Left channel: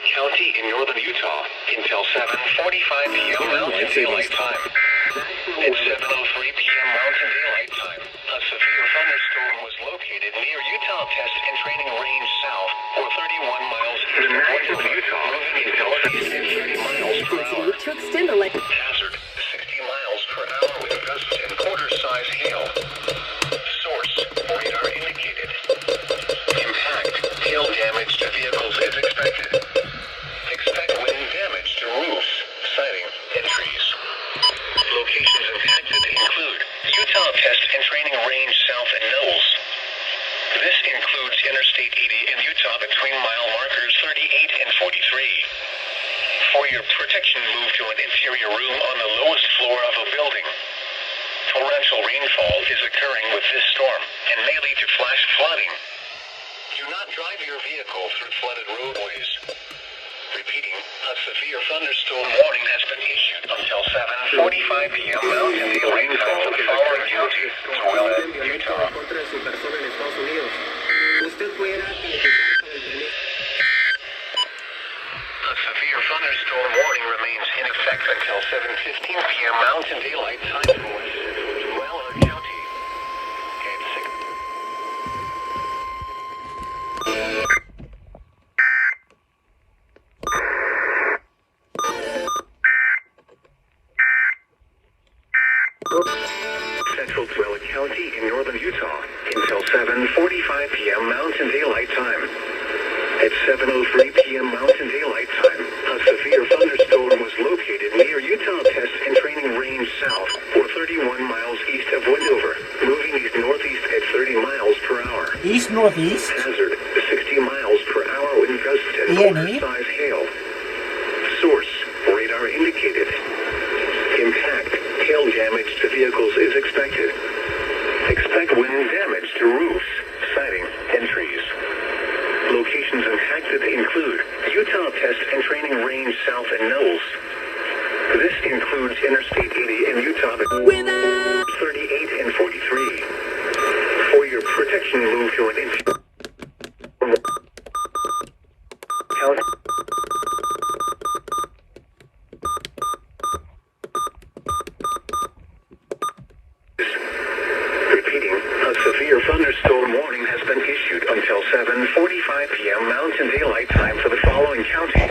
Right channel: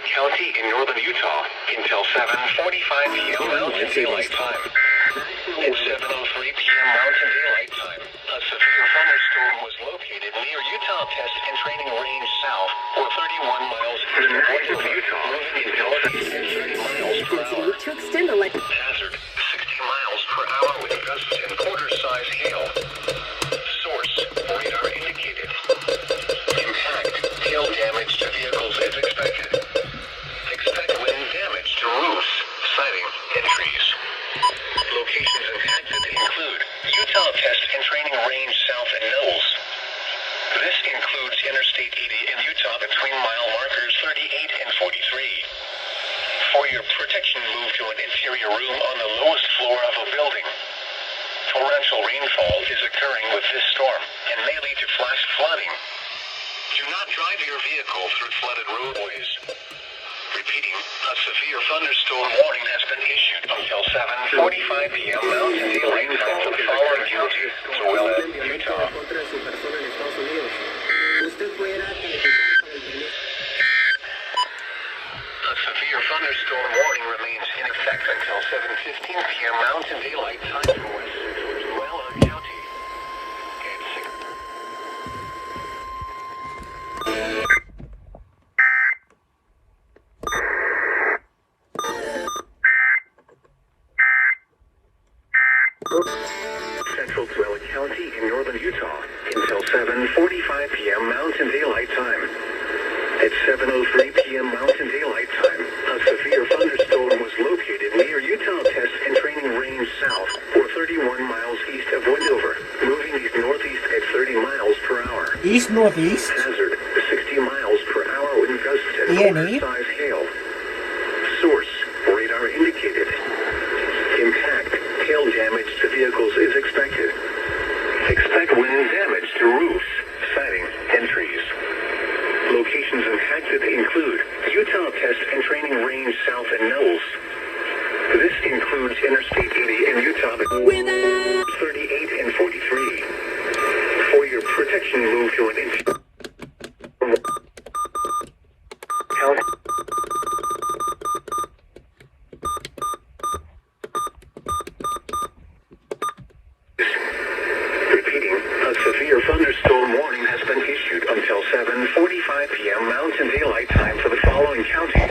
County in northern Utah until 7:45 p.m. Mountain Daylight Time. At 7:03 p.m. Mountain Daylight Time, a severe thunderstorm was located near Utah Test and Training Range South, or 31 miles east of Utah, until 60 miles per hour. To extend the lake. Hazard, 60 miles per hour with gusts and quarter-size hail. Source, radar indicated. Impact, hail damage to vehicles is expected. Expect wind damage to roofs, siding, and trees. Locations impacted include Utah Test and Training Range South and Knowles. This includes Interstate 80 in Utah between mile markers 38 and 43. For your protection, move to an interior room on the lowest floor of a building. Torrential rainfall is occurring with this storm and may lead to flash flooding. Do not drive your vehicle through flooded roadways. Repeating, a severe thunderstorm warning has been issued until 7:45 p.m. Mountain Daylight Time for the following counties: Utah. A severe thunderstorm warning remains in effect until 7:15 p.m. Mountain Daylight Time for County. Central Dwelling County in northern Utah until 7:45 p.m. Mountain Daylight Time. At 7:03 p.m. Mountain Daylight Time, a severe thunderstorm was located near Utah Test and Training Range South, or 31 miles east of Wendover, moving east-northeast at 30 miles per hour. East-northeast? Hazard, 60 miles per hour wind gusts and quarter-size hail. Source, radar indicated. Impact, hail damage to vehicles is expected. Expect wind damage to roofs, siding, and trees. Locations impacted include Utah Test and Training Range South and Knowles. This includes Interstate 80 in Utah, 38 and 43. For your protection, move to an inch. Repeating, a severe thunderstorm warning has been issued until 7:45 p.m. Mountain Daylight Time for the following county: